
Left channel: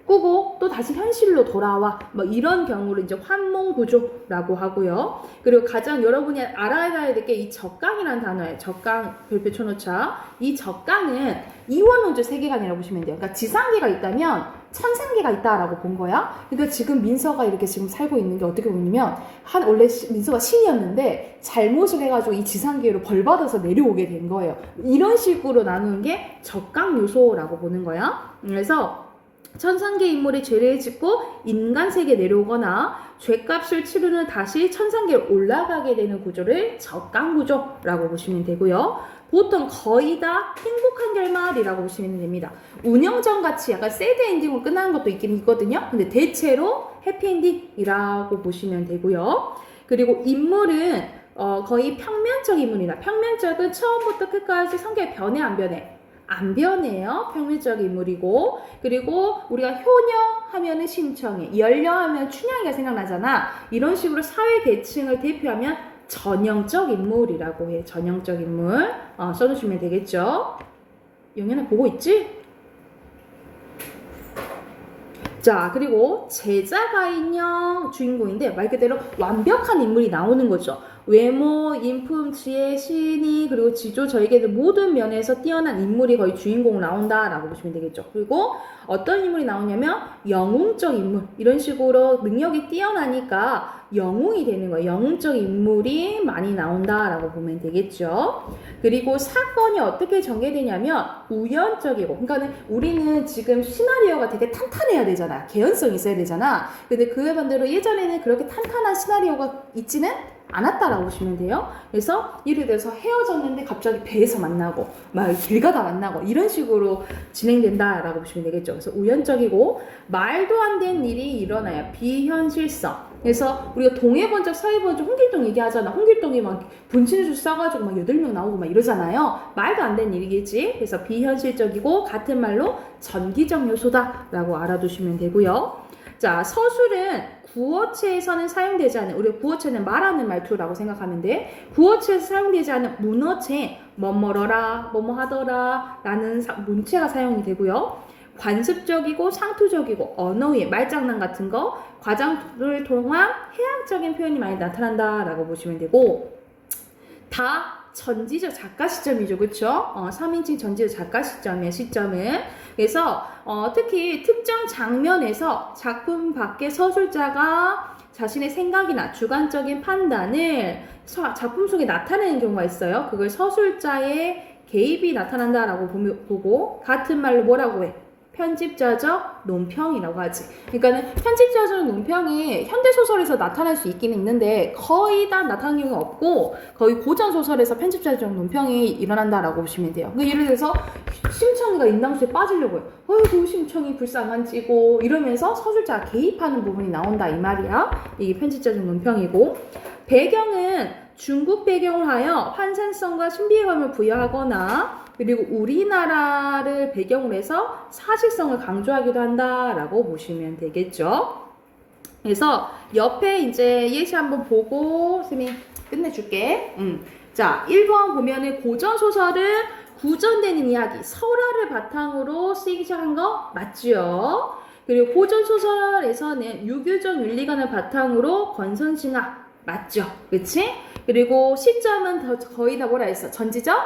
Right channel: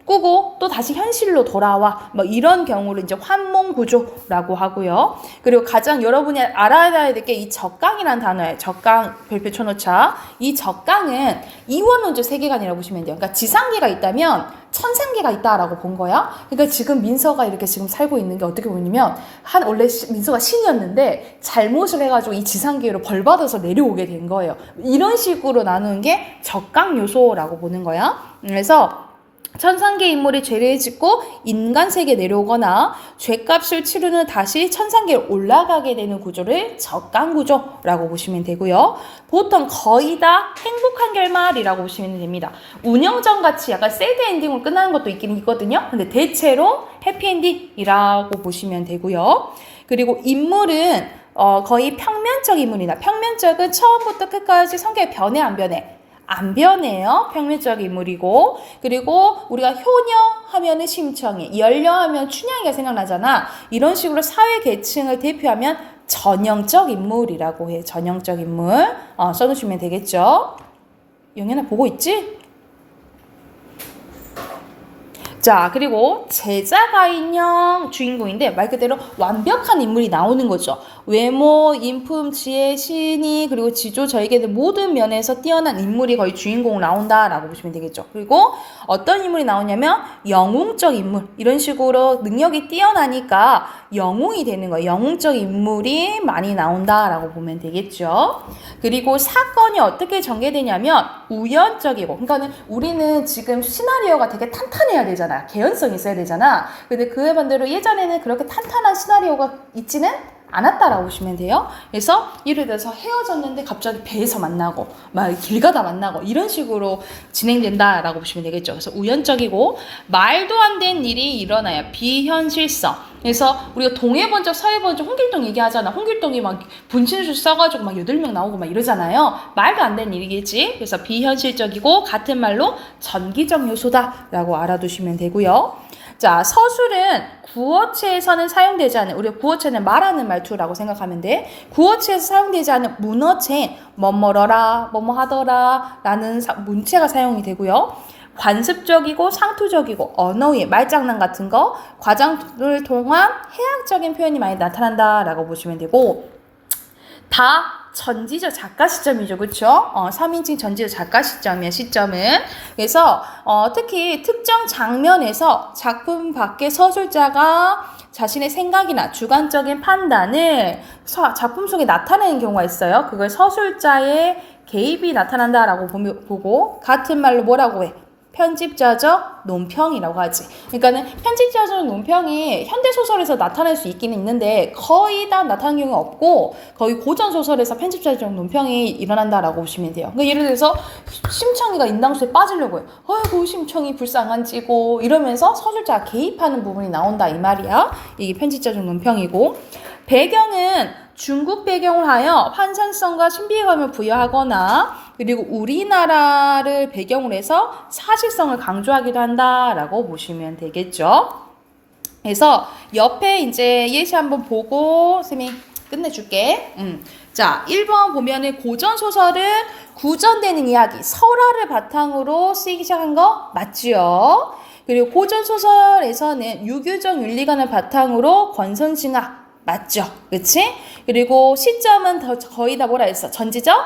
꾸고 또 다시 현실로 돌아와 이런 경우를 이제 환몽구조라고 하고요. 그리고 가장 여러분이 알아야 될 게 이 적강이라는 단어예요. 적강 별표 쳐놓자. 이 적강은 이원론적 세계관이라고 보시면 돼요. 그러니까 지상계가 있다면 천상계가 있다라고 본 거야. 그러니까 지금 민서가 이렇게 지금 살고 있는 게 어떻게 보냐면 원래 민서가 신이었는데 잘못을 해가지고 이 지상계로 벌받아서 내려오게 된 거예요. 이런 식으로 나누는 게 적강 요소라고 보는 거야. 그래서 천상계 인물이 죄를 짓고 인간 세계에 내려오거나 죄값을 치르는 다시 천상계로 올라가게 되는 구조를 적강구조라고 보시면 되고요. 보통 거의 다 행복한 결말이라고 보시면 됩니다. 운영전 같이 약간 새드 엔딩으로 끝나는 것도 있긴 있거든요. 근데 대체로 해피엔딩이라고 보시면 되고요. 그리고 인물은 거의 평면적 인물이나 평면적은 처음부터 끝까지 성격이 변해 안 변해? 안 변해요. 평면적 인물이고 그리고 우리가 효녀 하면은 심청이, 연려 하면 춘향이가 생각나잖아. 이런 식으로 사회 계층을 대표하면 전형적 인물이라고 해요. 전형적 인물 써두시면 되겠죠. 영현아 보고 있지? 자, 그리고 제자가인형 주인공인데 말 그대로 완벽한 인물이 나오는 거죠. 외모, 인품, 지혜, 신의, 그리고 지조, 저에게 모든 면에서 뛰어난 인물이 거의 주인공 나온다라고 보시면 되겠죠. 그리고 어떤 인물이 나오냐면 영웅적 인물, 이런 식으로 능력이 뛰어나니까 영웅이 되는 거예요. 영웅적 인물이 많이 나온다라고 보면 되겠죠. 그리고 사건이 어떻게 전개되냐면 우연적이고, 그러니까는 우리는 지금 시나리오가 되게 탄탄해야 되잖아. 개연성이 있어야 되잖아. 근데 그에 반대로 예전에는 그렇게 탄탄한 시나리오가 있지는 않았다라고 보시면 돼요. 그래서 예를 들어서 헤어졌는데 갑자기 배에서 만나고 막 길 가다 만나고 이런 식으로 진행된다라고 보시면 되겠죠. 그래서 우연적이고 말도 안 되는 일이 일어나요. 비현실성. 그래서 우리가 동해번쩍 서해번쩍 홍길동 얘기하잖아. 홍길동이 막 분신술 써가지고 막 8명 나오고 막 이러잖아요. 말도 안 되는 일이겠지. 그래서 비현실적이고 같은 말로 전기적 요소다라고 알아두시면 되고요. 자, 서술은 구어체에서는 사용되지 않는, 우리가 구어체는 말하는 말투라고 생각하면 돼. 구어체에서 사용되지 않는 문어체인 뭐뭐러라, 뭐뭐 하더라 라는 문체가 사용이 되고요. 관습적이고 상투적이고 언어의 말장난 같은 거, 과장을 통한 해학적인 표현이 많이 나타난다라고 보시면 되고, 다 전지적 작가 시점이죠. 그렇죠? 3인칭 전지적 작가 시점이야. 시점은. 그래서 특히 특정 장면에서 작품 밖의 서술자가 자신의 생각이나 주관적인 판단을 작품 속에 나타내는 경우가 있어요. 그걸 서술자의 개입이 나타난다라고 보고 같은 말로 뭐라고 해? 편집자적 논평이라고 하지. 그러니까는 편집자적 논평이 현대소설에서 나타날 수 있기는 있는데 거의 다 나타나는 경우가 없고 거의 고전소설에서 편집자적 논평이 일어난다라고 보시면 돼요. 그러니까 예를 들어서 심청이가 인당수에 빠지려고 해요. 어이구 심청이 불쌍한지고 이러면서 서술자가 개입하는 부분이 나온다 이 말이야. 이게 편집자적 논평이고, 배경은 중국 배경을 하여 환상성과 신비감을 부여하거나 그리고 우리나라를 배경으로 해서 사실성을 강조하기도 한다라고 보시면 되겠죠. 그래서 옆에 이제 예시 한번 보고 쌤이 끝내줄게. 자, 1번 보면은 고전소설은 구전되는 이야기, 설화를 바탕으로 쓰이기 시작한 거 맞지요? 그리고 고전소설에서는 유교적 윤리관을 바탕으로 권선징악 맞죠? 그치? 그리고 시점은 거의 다 뭐라 했어? 전지적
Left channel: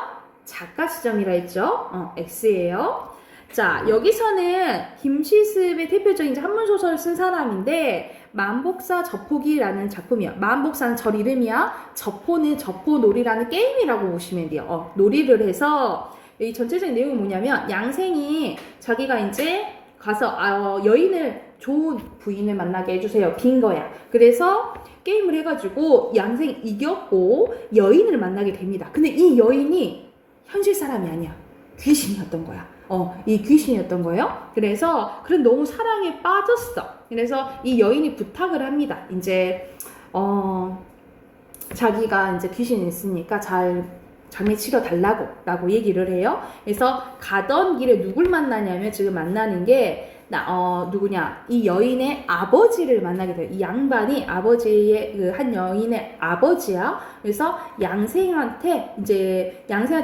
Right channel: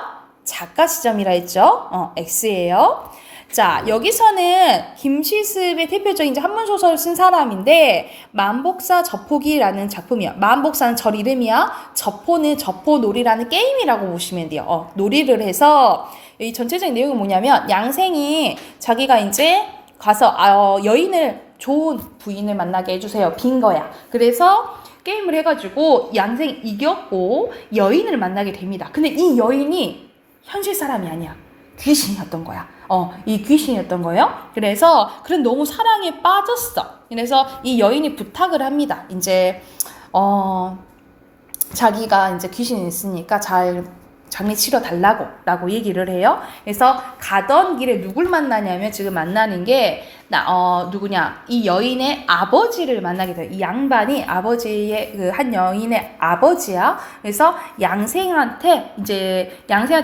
작가 시점이라 했죠? X예요. 자, 여기서는 김시습의 대표적인 이제 한문소설을 쓴 사람인데 만복사 저포기라는 작품이야. 만복사는 절 이름이야. 저포는 저포놀이라는 게임이라고 보시면 돼요. 놀이를 해서 이 전체적인 내용이 뭐냐면 양생이 자기가 이제 가서 여인을 좋은 부인을 만나게 해주세요. 빈 거야. 그래서 게임을 해가지고 양생이 이겼고 여인을 만나게 됩니다. 근데 이 여인이 현실 사람이 아니야. 귀신이었던 거야. 이 귀신이었던 거예요. 그래서 너무 사랑에 빠졌어. 그래서 이 여인이 부탁을 합니다. 이제 자기가 이제 귀신이 있으니까 잘 장례 치러 달라고 라고 얘기를 해요. 그래서 가던 길에 누굴 만나냐면 지금 만나는 게 누구냐, 이 여인의 아버지를 만나게 돼요. 이 양반이 아버지의 그 한 여인의 아버지야. 그래서 양생한테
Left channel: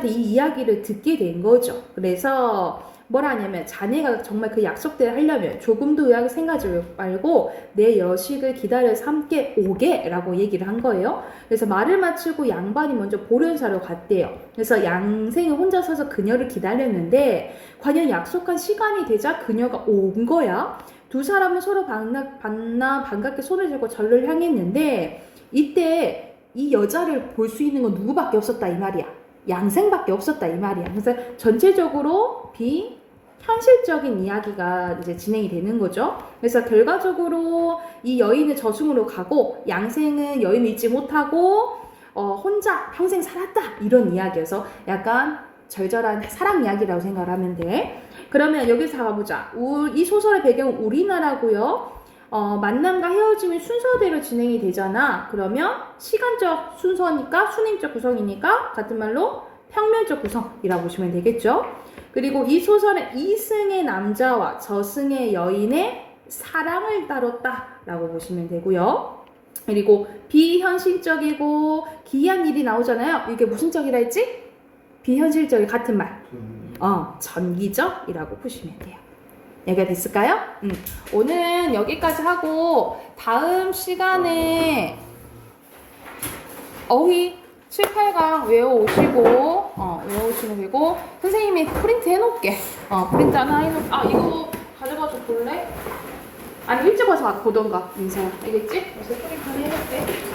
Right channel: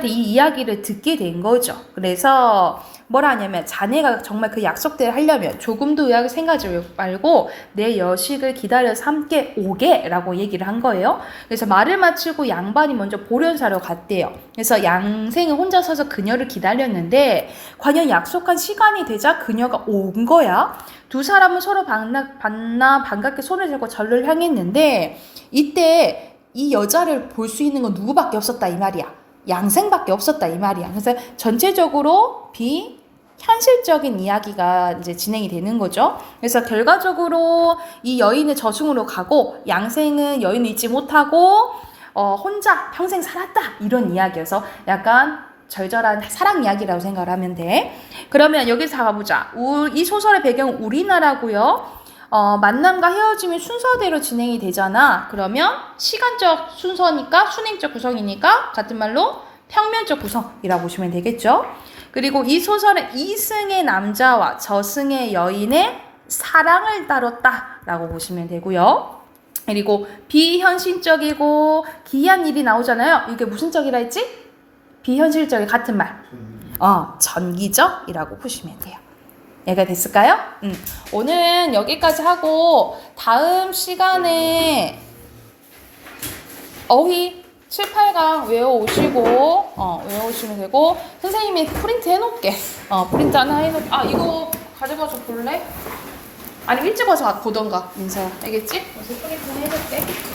이 이야기를 듣게 된 거죠. 그래서 뭐라 하냐면 자네가 정말 그 약속대로 하려면 조금도 의학을 생각하지 말고 내 여식을 기다려서 함께 오게 라고 얘기를 한 거예요. 그래서 말을 마치고 양반이 먼저 보련사로 갔대요. 그래서 양생은 혼자 서서 그녀를 기다렸는데 과연 약속한 시간이 되자 그녀가 온 거야. 두 사람은 서로 반갑게 손을 잡고 절을 향했는데 이때 이 여자를 볼 수 있는 건 누구밖에 없었다 이 말이야. 양생밖에 없었다 이 말이야. 그래서 전체적으로 현실적인 이야기가 이제 진행이 되는 거죠. 그래서 결과적으로 이 여인은 저승으로 가고 양생은 여인을 잊지 못하고 혼자 평생 살았다 이런 이야기여서 약간 절절한 사랑 이야기라고 생각을 하면 돼. 그러면 여기서 가보자. 이 소설의 배경은 우리나라고요. 만남과 헤어짐이 순서대로 진행이 되잖아. 그러면 시간적 순서니까 순행적 구성이니까 같은 말로 평면적 구성이라고 보시면 되겠죠. 그리고 이 소설은 이승의 남자와 저승의 여인의 사랑을 다뤘다라고 보시면 되고요. 그리고 비현실적이고 기이한 일이 나오잖아요. 이게 무슨 적이라 했지? 비현실적이 같은 말. 전기적이라고 보시면 돼요. 이해가 됐을까요? 오늘은 여기까지 하고 다음 시간에 어휘 7, 8강 외워오시면 되고 선생님이 프린트 해놓을게. 프린트 하나 해놓을게. 이거 가져가서 볼래? 아니 일찍 와서 보던가. 민서 알겠지? 그래서 프린트 해놓을게.